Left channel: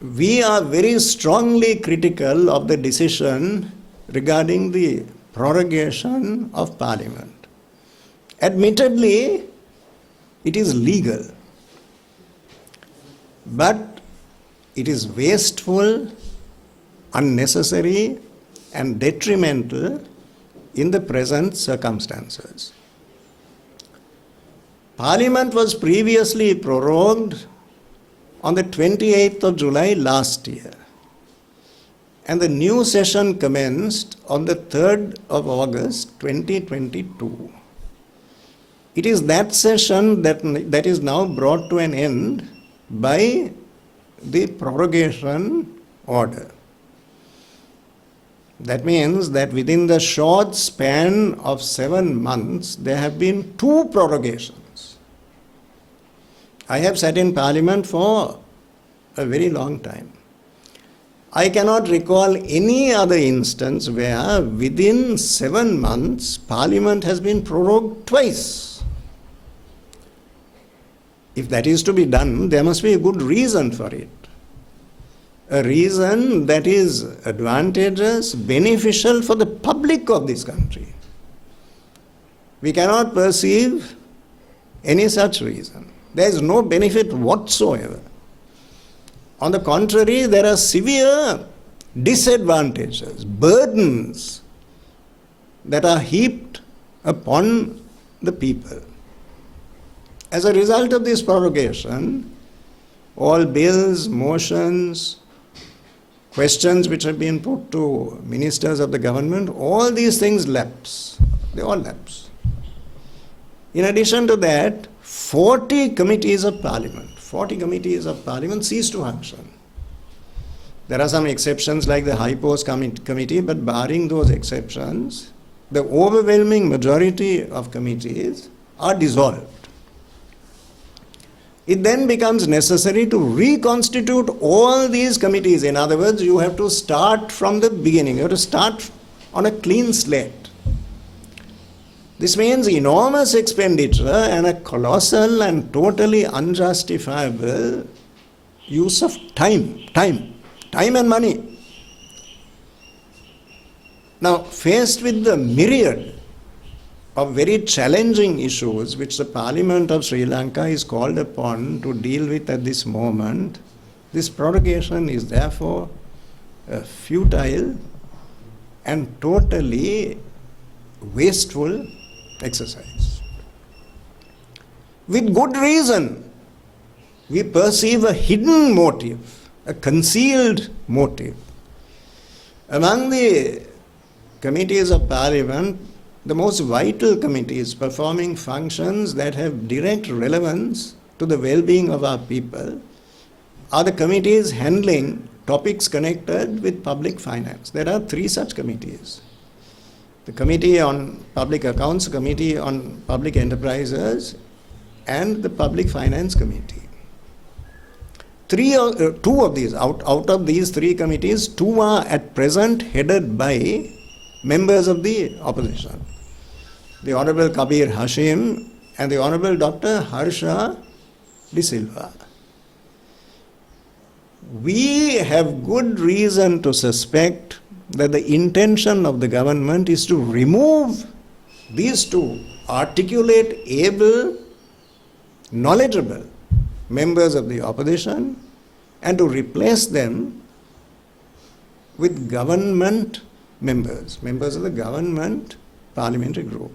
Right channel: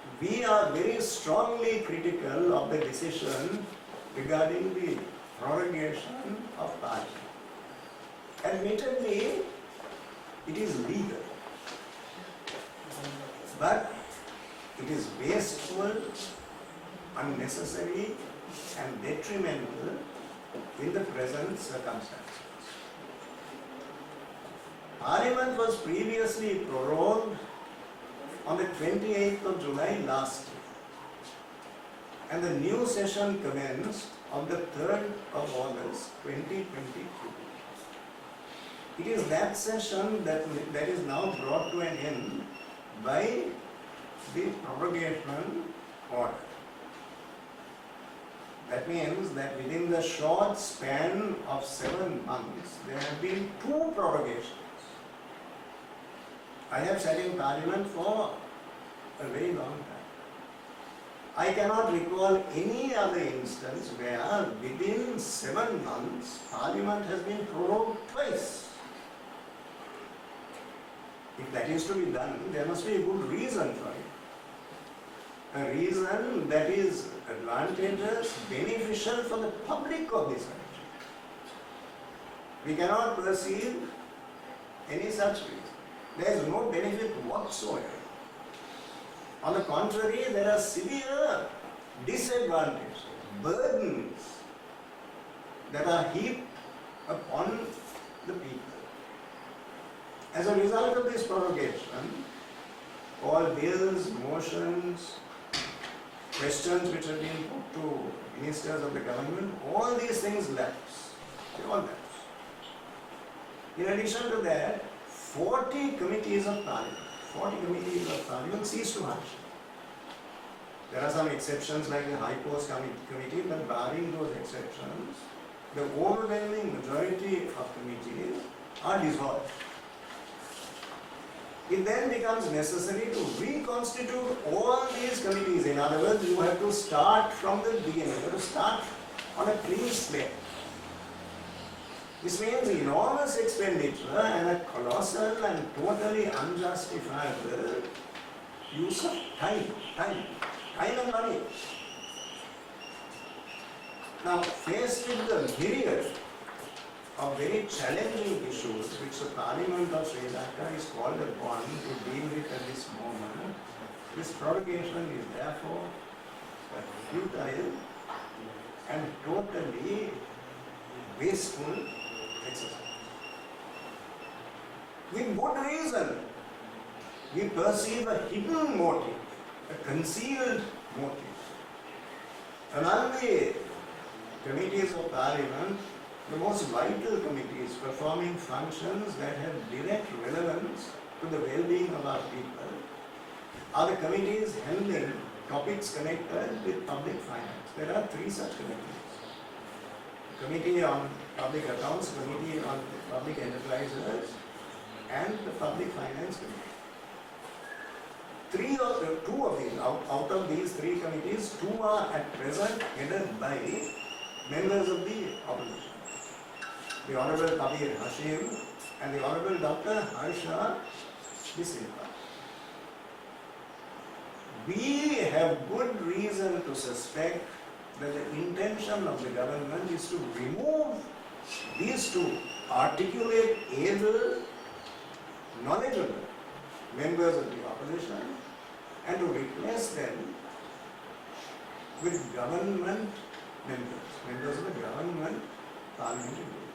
we are very strongly critical of the decision regarding the prorogation of Parliament. Admittedly, it is legal, but it is wasteful, unnecessary, and detrimental in the present circumstances. Parliament was previously prorogued on the 28th of July last year, and the new session commenced on the 3rd of August 2022. It is that session that is now brought to an end by the prorogation order. That means that within the short span of 7 months, there have been 2 prorogations. I have sat in Parliament for a very long time. I cannot recall any other instance where within 7 months, Parliament has been prorogued twice. If that is to be done, there must be a good reason for it. A reason that is advantageous, beneficial for the public of this country. We cannot perceive any such reason. There is no benefit whatsoever. On the contrary, there are severe disadvantages, burdens that are heaped upon the people. As a result of this prorogation, all bills, motions, questions which have been put to ministers of the government, all these things lapse. They all lapse. In addition to that, 40 committees of Parliament cease to function. There are some exceptions like the High Post Committee, but barring those exceptions, the overwhelming majority of committees are dissolved. It then becomes necessary to reconstitute all these committees. In other words, you have to start from the beginning. You have to start on a clean slate. This means enormous expenditure and a colossal and totally unjustifiable use of time and money. Now, faced with the myriad of very challenging issues which the Parliament of Sri Lanka is called upon to deal with at this moment, this prorogation is therefore a futile and totally wasteful exercise. With good reason, we perceive a hidden motive, a concealed motive. Among the committees of Parliament, the most vital committees performing functions that have direct relevance to the well-being of our people are the committees handling topics connected with public finance. There are 3 such committees. The Committee on Public Accounts, Committee on Public Enterprises, and the Public Finance Committee. 2 of these, out of these 3 committees, 2 are at present headed by members of the opposition. The Honorable Kabir Hashim and the Honorable Dr. Harsha De Silva. We have good reason to suspect that the intention of the government is to remove these 2 articulate, able, knowledgeable members of the opposition and to replace them with government members of the government parliamentary group.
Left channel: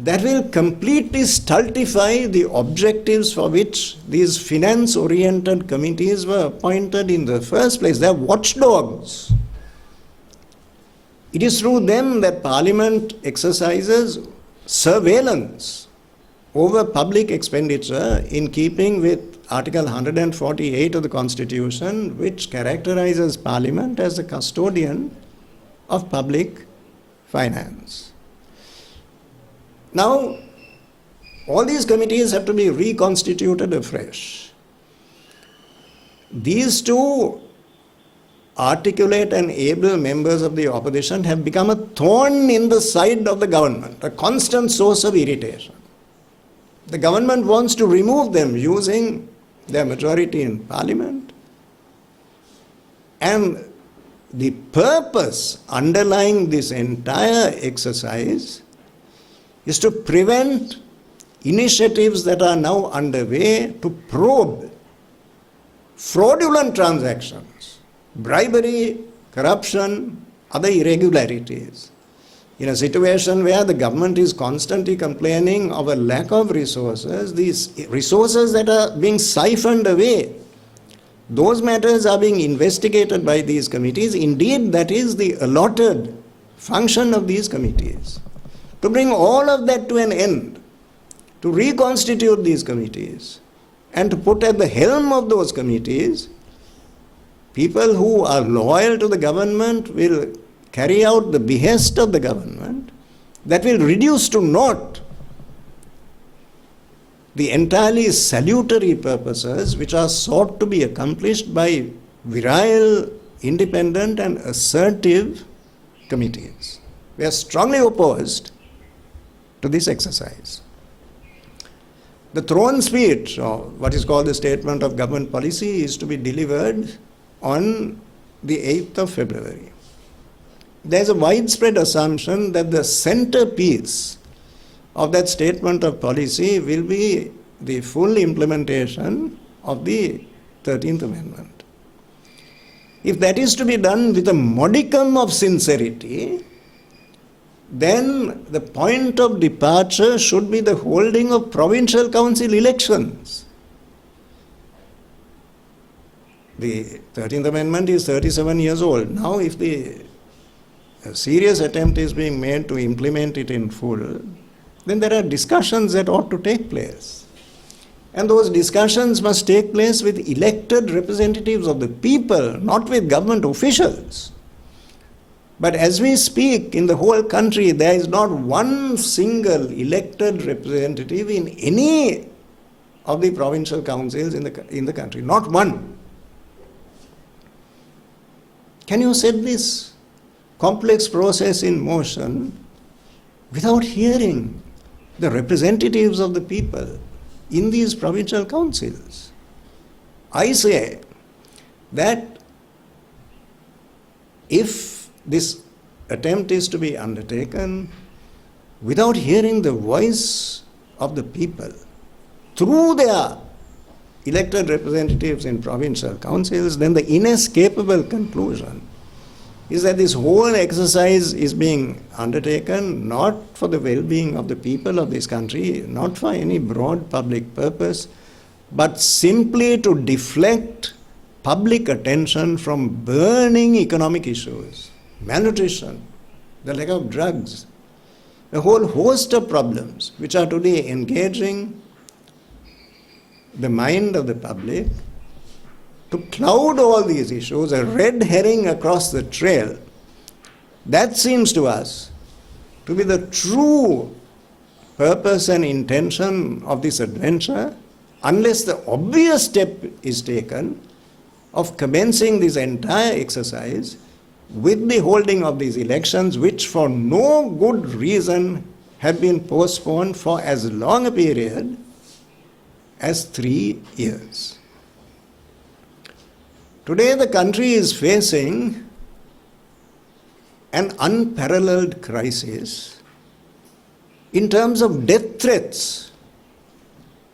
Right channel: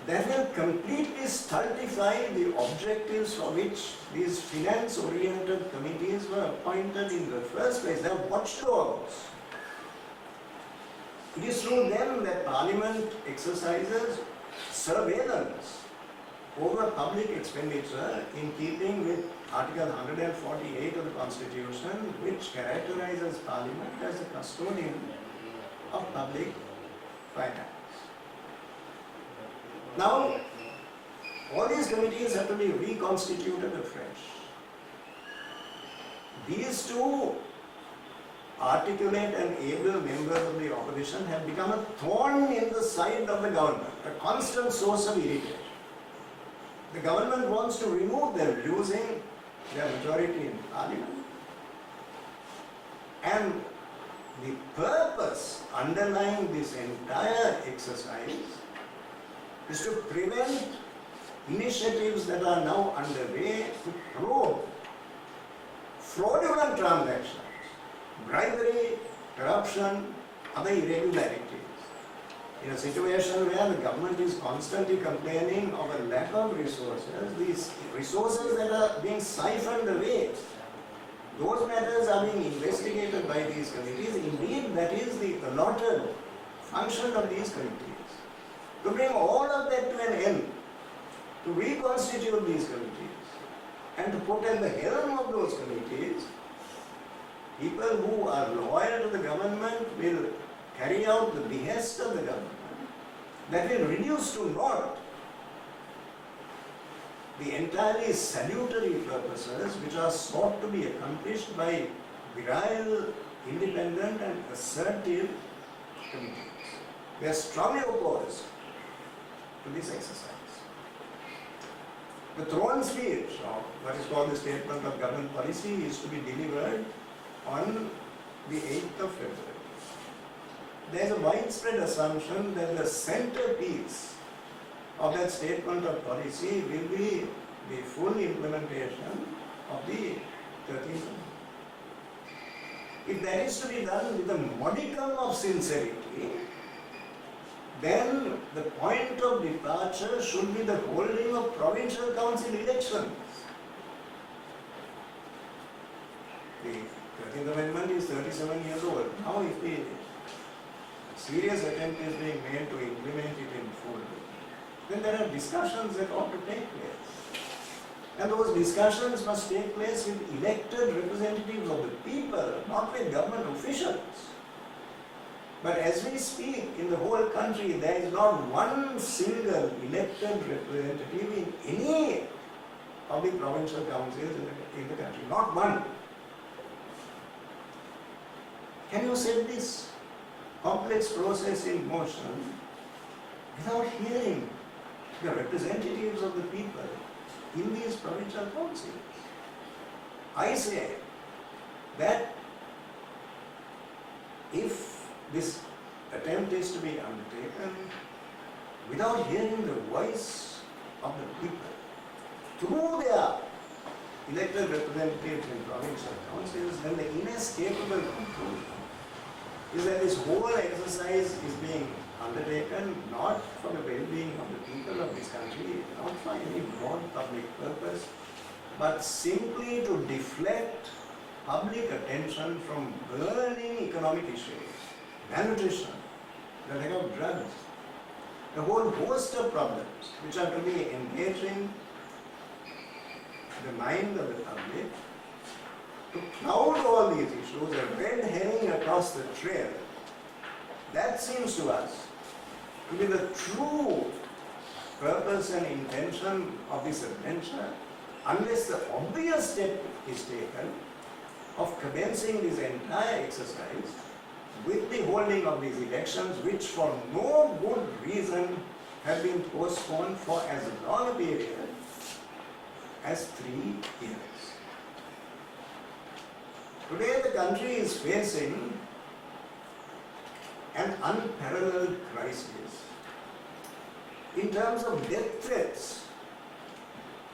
That will completely stultify the objectives for which these finance-oriented committees were appointed in the first place. They are watchdogs. It is through them that Parliament exercises surveillance over public expenditure in keeping with Article 148 of the Constitution, which characterizes Parliament as the custodian of public finance. Now, all these committees have to be reconstituted afresh. These 2 articulate and able members of the opposition have become a thorn in the side of the government, a constant source of irritation. The government wants to remove them using their majority in Parliament And the purpose underlying this entire exercise is to prevent initiatives that are now underway to probe fraudulent transactions, bribery, corruption, other irregularities. In a situation where the government is constantly complaining of a lack of resources, these resources that are being siphoned away, those matters are being investigated by these committees. Indeed, that is the allotted function of these committees. To bring all of that to an end, to reconstitute these committees, and to put at the helm of those committees people who are loyal to the government, will carry out the behest of the government, that will reduce to naught the entirely salutary purposes which are sought to be accomplished by virile, independent and assertive committees. We are strongly opposed to this exercise. The throne speech, or what is called the statement of government policy, is to be delivered on the 8th of February. There is a widespread assumption that the centerpiece of that statement of policy will be the full implementation of the 13th Amendment. If that is to be done with a modicum of sincerity, then the point of departure should be the holding of provincial council elections. The 13th Amendment is 37 years old. Now, if a serious attempt is being made to implement it in full, then there are discussions that ought to take place. And those discussions must take place with elected representatives of the people, not with government officials. But as we speak, in the whole country, there is not one single elected representative in any of the provincial councils in the country. Not one. Can you set this complex process in motion without hearing the representatives of the people in these provincial councils? I say that if this attempt is to be undertaken without hearing the voice of the people through their elected representatives in provincial councils, then the inescapable conclusion is that this whole exercise is being undertaken not for the well-being of the people of this country, not for any broad public purpose, but simply to deflect public attention from burning economic issues, malnutrition, the lack of drugs, a whole host of problems which are today engaging the mind of the public, to cloud all these issues, a red herring across the trail. That seems to us to be the true purpose and intention of this adventure, unless the obvious step is taken of commencing this entire exercise with the holding of these elections, which for no good reason have been postponed for as long a period as 3 years. Today the country is facing an unparalleled crisis in terms of death threats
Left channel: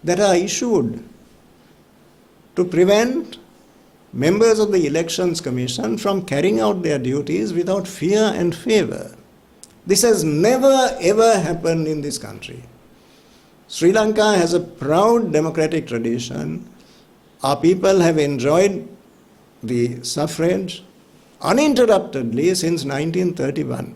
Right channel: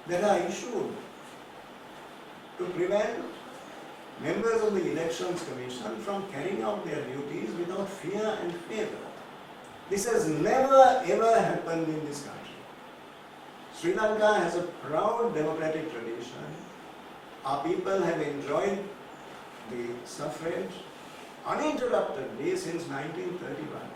that are issued to prevent members of the Elections Commission from carrying out their duties without fear and favor. This has never ever happened in this country. Sri Lanka has a proud democratic tradition. Our people have enjoyed the suffrage uninterruptedly since 1931.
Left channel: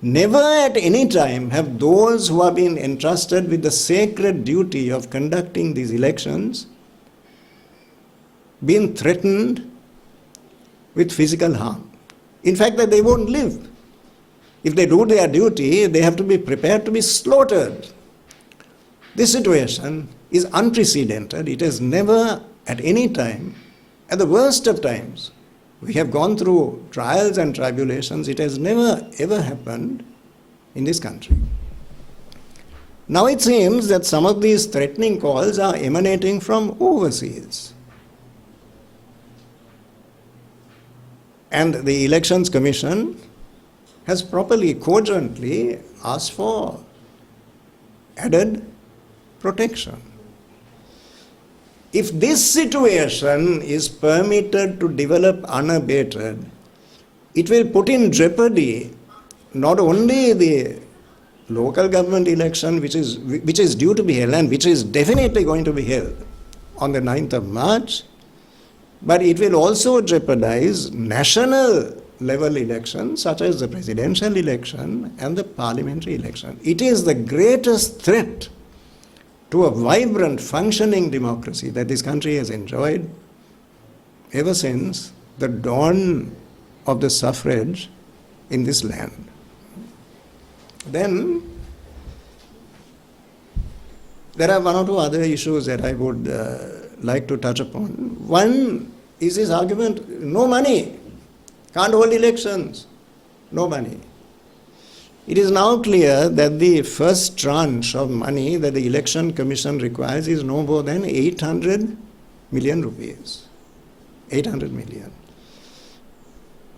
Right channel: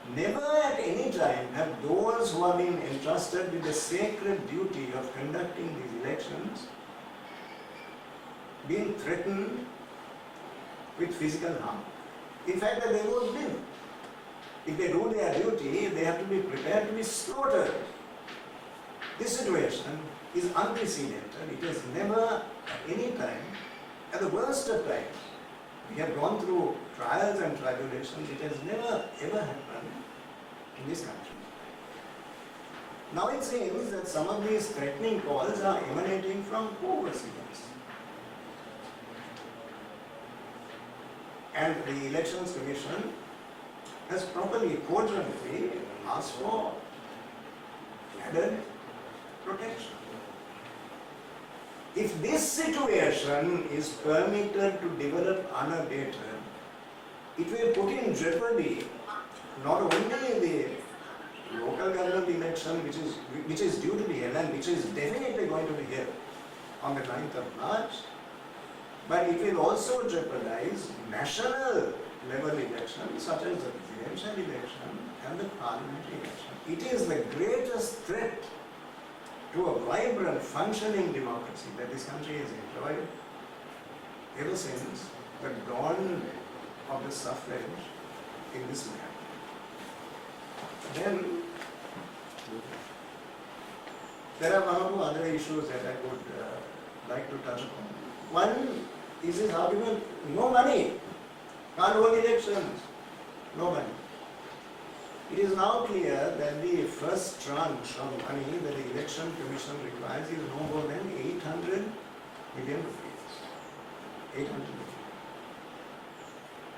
Never at any time have those who have been entrusted with the sacred duty of conducting these elections been threatened with physical harm. In fact, that they won't live. If they do their duty, they have to be prepared to be slaughtered. This situation is unprecedented. It has never at any time, at the worst of times, we have gone through trials and tribulations. It has never ever happened in this country. Now it seems that some of these threatening calls are emanating from overseas. And the Elections Commission has properly, cogently asked for added protection. If this situation is permitted to develop unabated, it will put in jeopardy not only the local government election which is due to be held and which is definitely going to be held on the 9th of March, but it will also jeopardize national level elections such as the presidential election and the parliamentary election. It is the greatest threat to a vibrant, functioning democracy that this country has enjoyed ever since the dawn of the suffrage in this land. Then there are one or two other issues that I would like to touch upon. One is this argument, no money, can't hold elections, no money. It is now clear that the first tranche of money that the Election Commission requires is no more than 800 million rupees. 800 million.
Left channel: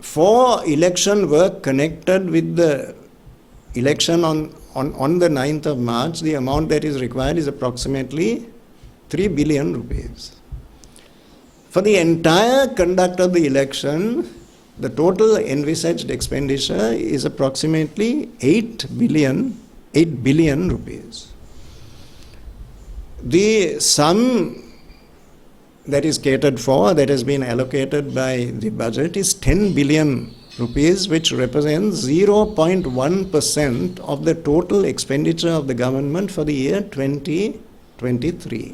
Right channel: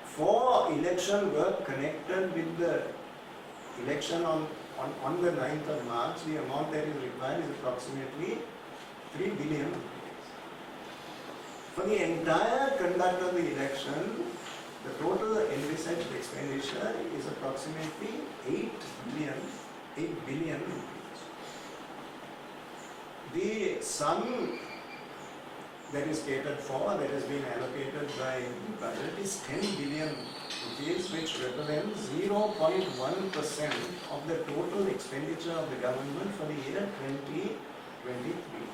For election work connected with the election on the 9th of March, the amount that is required is approximately 3 billion rupees. For the entire conduct of the election, the total envisaged expenditure is approximately 8 billion rupees. The sum that is catered for, that has been allocated by the budget, is 10 billion rupees, which represents 0.1% of the total expenditure of the government for the year 2023.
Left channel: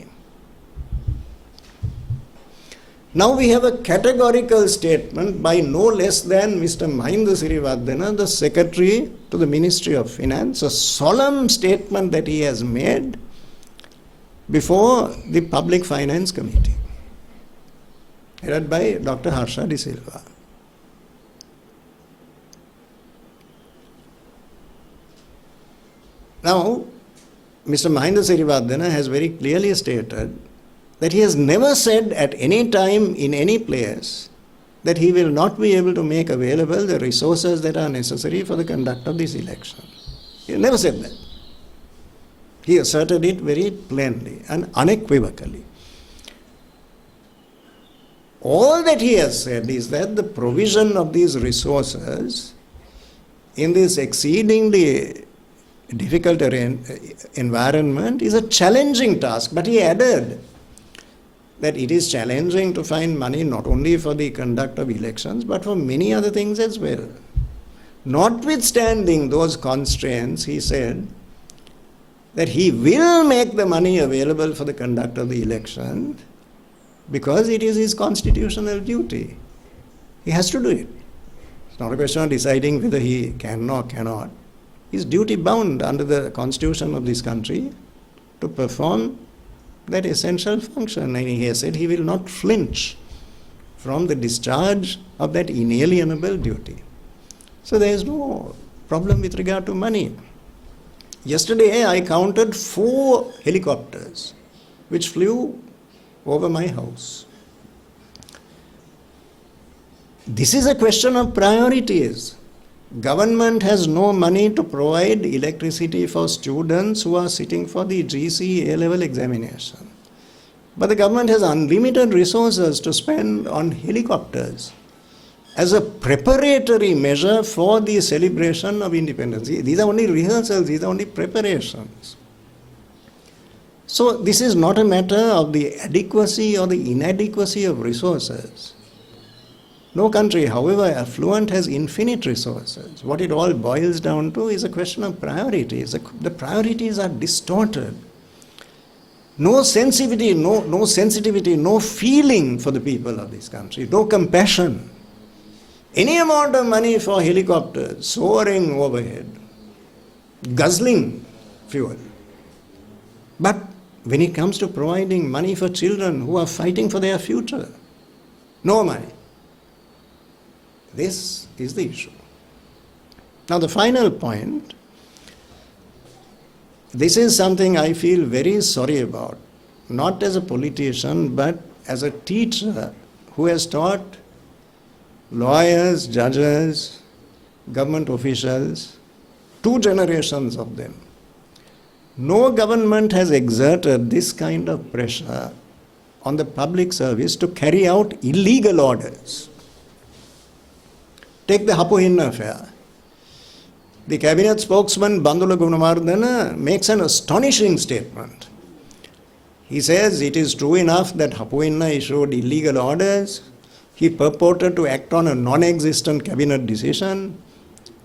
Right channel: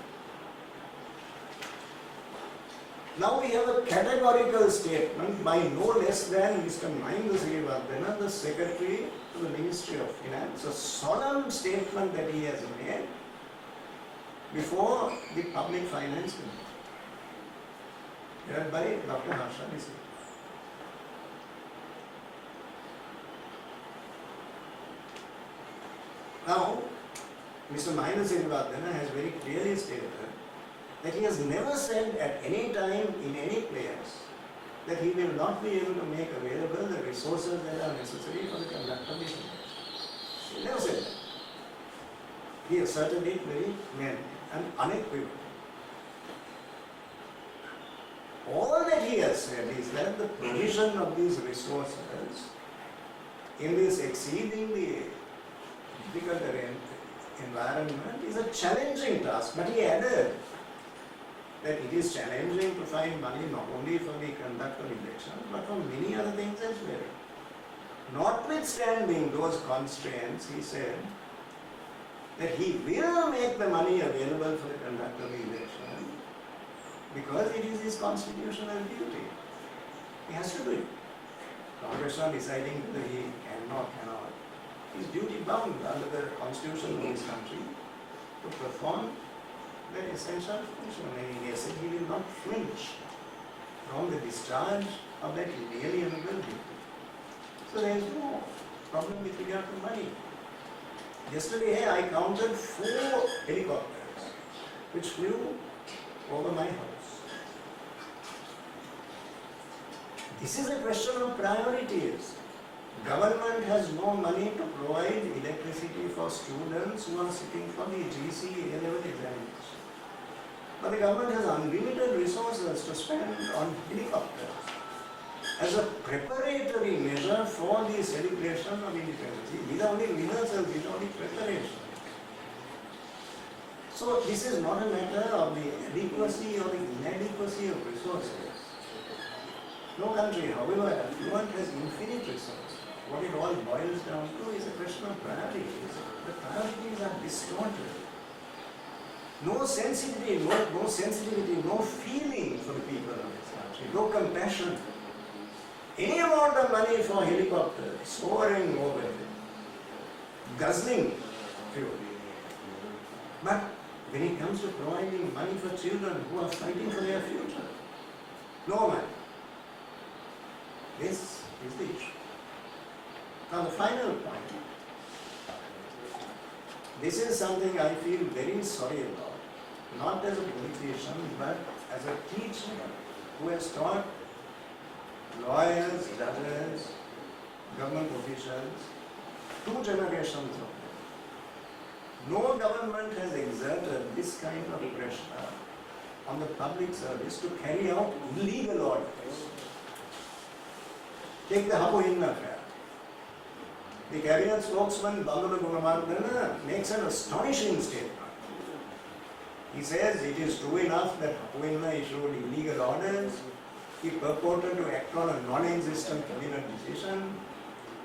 Now we have a categorical statement by no less than Mr. Mahinda Sirivardena, the Secretary to the Ministry of Finance, a solemn statement that he has made before the Public Finance Committee, headed by Dr. Harsha De Silva. Now, Mr. Mahinda Sirivardena has very clearly stated that he has never said at any time in any place that he will not be able to make available the resources that are necessary for the conduct of this election. He never said that. He asserted it very plainly and unequivocally. All that he has said is that the provision of these resources in this exceedingly difficult environment is a challenging task. But he added that it is challenging to find money not only for the conduct of elections but for many other things as well. Notwithstanding those constraints, he said that he will make the money available for the conduct of the election because it is his constitutional duty. He has to do it. It's not a question of deciding whether he can or cannot. He is duty bound under the constitution of this country to perform that essential function. And he has said he will not flinch from the discharge of that inalienable duty. So there is no problem with regard to money. Yesterday I counted 4 helicopters which flew over my house. This is a question of priorities. Government has no money to provide electricity for students who are sitting for the GCE A-level examination. But the government has unlimited resources to spend on helicopters as a preparatory measure for the celebration of independence. These are only rehearsals, these are only preparations. So this is not a matter of the adequacy or the inadequacy of resources. No country, however affluent, has infinite resources. What it all boils down to is a question of priorities. The priorities are distorted. No sensitivity, no feeling for the people of this country, no compassion. Any amount of money for helicopters soaring overhead, guzzling fuel. But when it comes to providing money for children who are fighting for their future, no money. This is the issue. Now the final point, this is something I feel very sorry about, not as a politician but as a teacher who has taught lawyers, judges, government officials, 2 generations of them. No government has exerted this kind of pressure on the public service to carry out illegal orders. Take the Hapuhinna affair. The cabinet spokesman Bandula Gunawardena makes an astonishing statement. He says it is true enough that Hapuhinna issued illegal orders. He purported to act on a non-existent cabinet decision.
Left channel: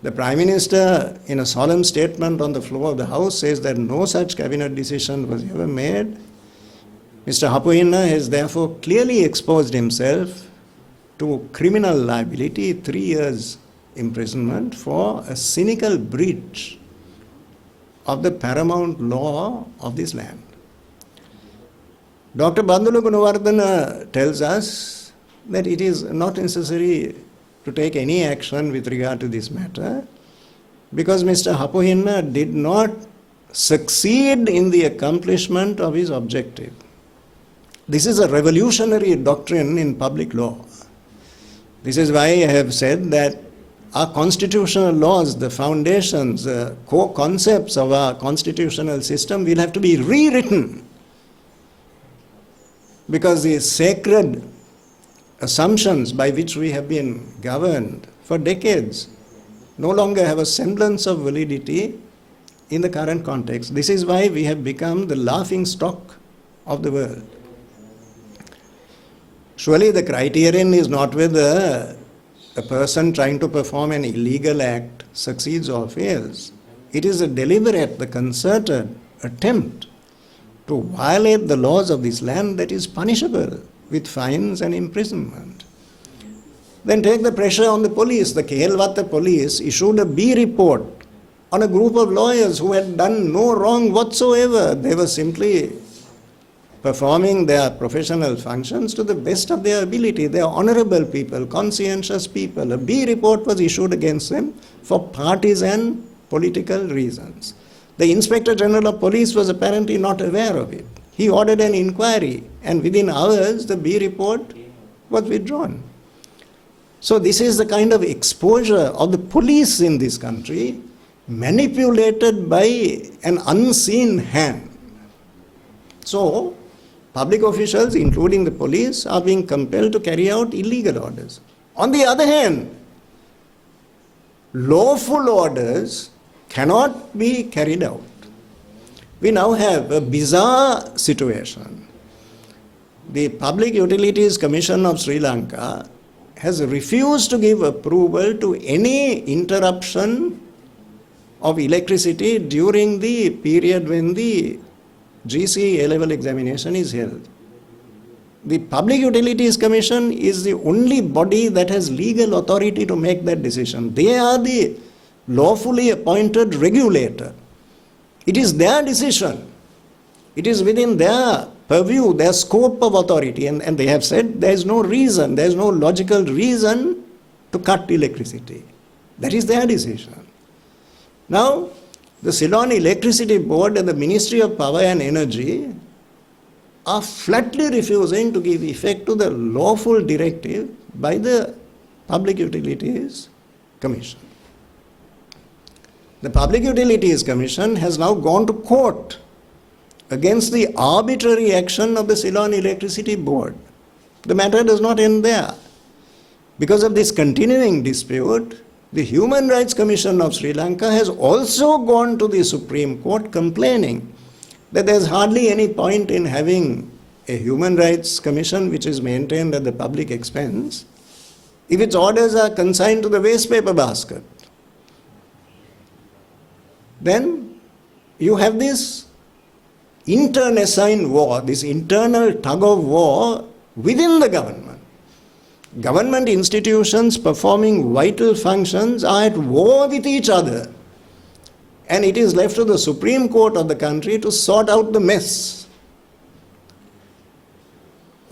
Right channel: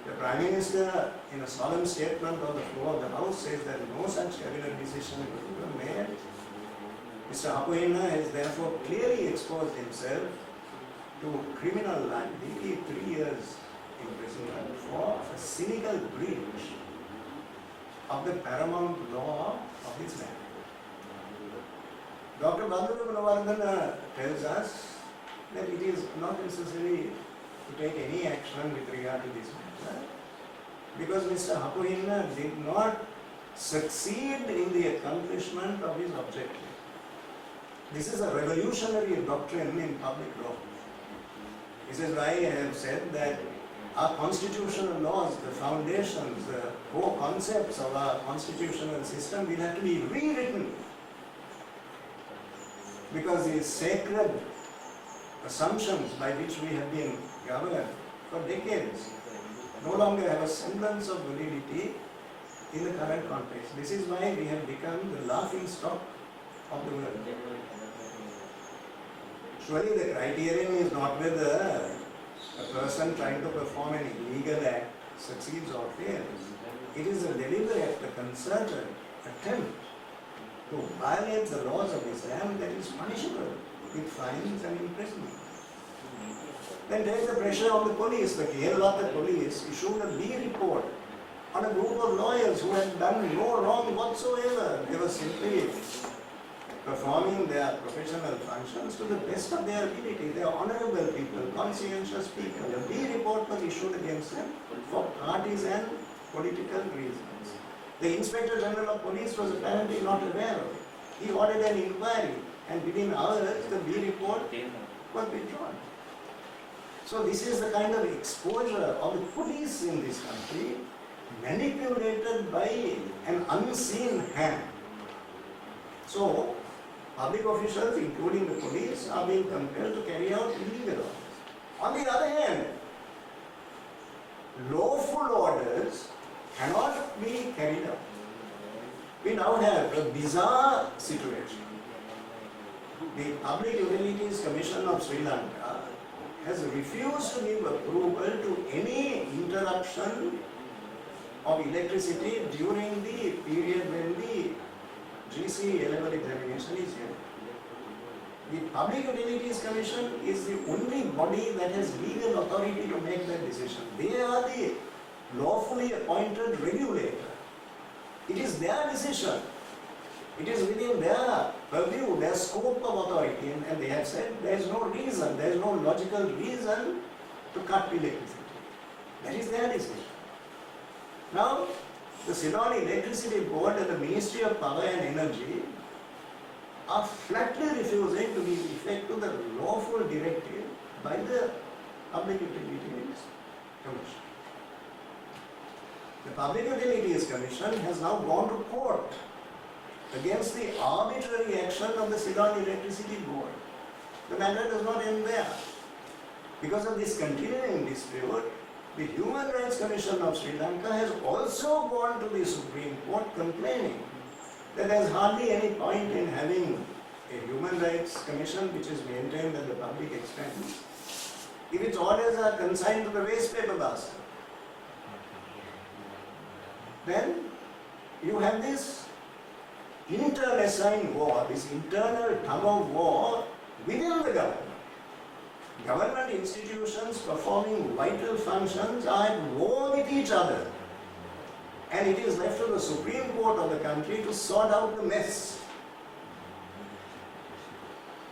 The Prime Minister, in a solemn statement on the floor of the House, says that no such cabinet decision was ever made. Mr. Hapuhinna has therefore clearly exposed himself to criminal liability, 3 years imprisonment for a cynical breach of the paramount law of this land. Dr. Bandula Gunawardena tells us that it is not necessary to take any action with regard to this matter because Mr. Hapuhinna did not succeed in the accomplishment of his objective. This is a revolutionary doctrine in public law. This is why I have said that our constitutional laws, the foundations, the core concepts of our constitutional system will have to be rewritten because the sacred assumptions by which we have been governed for decades no longer have a semblance of validity in the current context. This is why we have become the laughing stock of the world. Surely the criterion is not whether a person trying to perform an illegal act succeeds or fails. It is a deliberate, the concerted attempt to violate the laws of this land that is punishable with fines and imprisonment. Then take the pressure on the police. The Kehelwata police issued a B report on a group of lawyers who had done no wrong whatsoever. They were simply performing their professional functions to the best of their ability. They are honorable people, conscientious people. A B report was issued against them for partisan political reasons. The Inspector General of Police was apparently not aware of it. He ordered an inquiry and within hours the B report was withdrawn. So this is the kind of exposure of the police in this country manipulated by an unseen hand. So public officials, including the police, are being compelled to carry out illegal orders. On the other hand, lawful orders cannot be carried out. We now have a bizarre situation. The Public Utilities Commission of Sri Lanka has refused to give approval to any interruption of electricity during the period when the GC A-level examination is held. The Public Utilities Commission is the only body that has legal authority to make that decision. They are the lawfully appointed regulator. It is their decision. It is within their purview, their scope of authority, and they have said there is no reason, there is no logical reason to cut electricity. That is their decision. Now, the Ceylon Electricity Board and the Ministry of Power and Energy are flatly refusing to give effect to the lawful directive by the Public Utilities Commission. The Public Utilities Commission has now gone to court against the arbitrary action of the Ceylon Electricity Board. The matter does not end there. Because of this continuing dispute, the Human Rights Commission of Sri Lanka has also gone to the Supreme Court complaining that there is hardly any point in having a Human Rights Commission which is maintained at the public expense if its orders are consigned to the waste paper basket. Then you have this internecine war, this internal tug of war within the government. Government institutions performing vital functions are at war with each other. And it is left to the Supreme Court of the country to sort out the mess.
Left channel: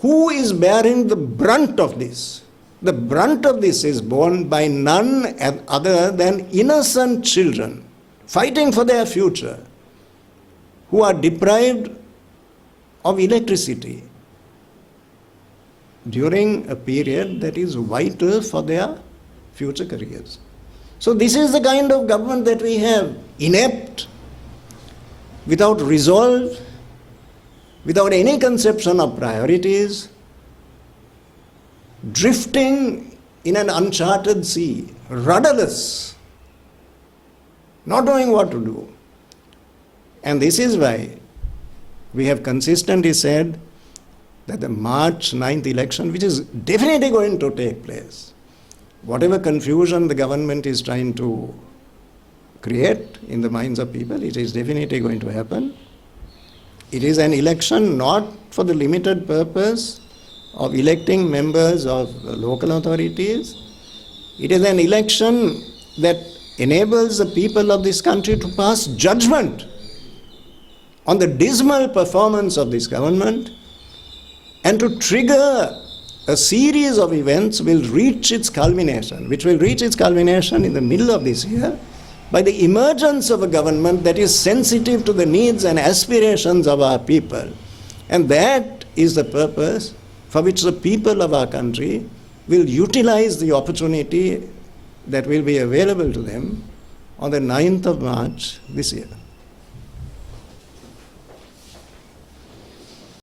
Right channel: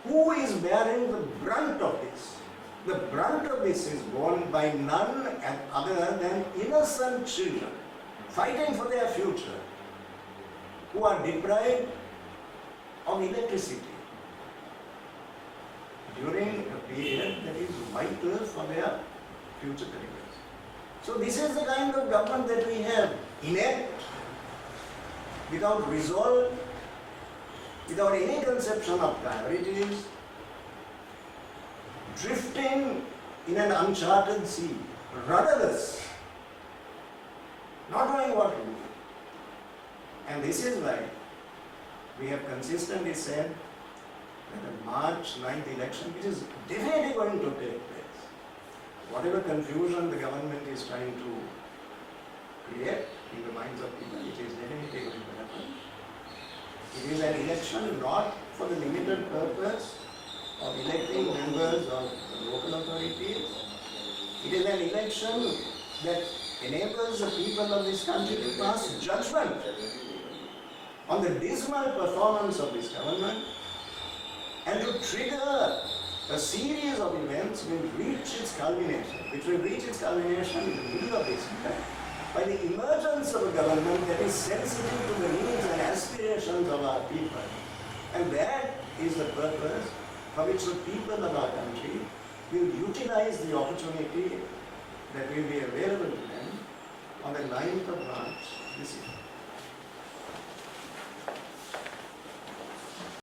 Who is bearing the brunt of this? The brunt of this is borne by none other than innocent children fighting for their future, who are deprived of electricity. during a period that is vital for their future careers. So this is the kind of government that we have, inept, without resolve, without any conception of priorities, drifting in an uncharted sea, rudderless, not knowing what to do. And this is why we have consistently said that the March 9th election, which is definitely going to take place, whatever confusion the government is trying to create in the minds of people, it is definitely going to happen. It is an election not for the limited purpose of electing members of local authorities. It is an election that enables the people of this country to pass judgment on the dismal performance of this government and to trigger a series of events which will reach its culmination in the middle of this year by the emergence of a government that is sensitive to the needs and aspirations of our people. And that is the purpose for which the people of our country will utilize the opportunity that will be available to them on the 9th of March this year.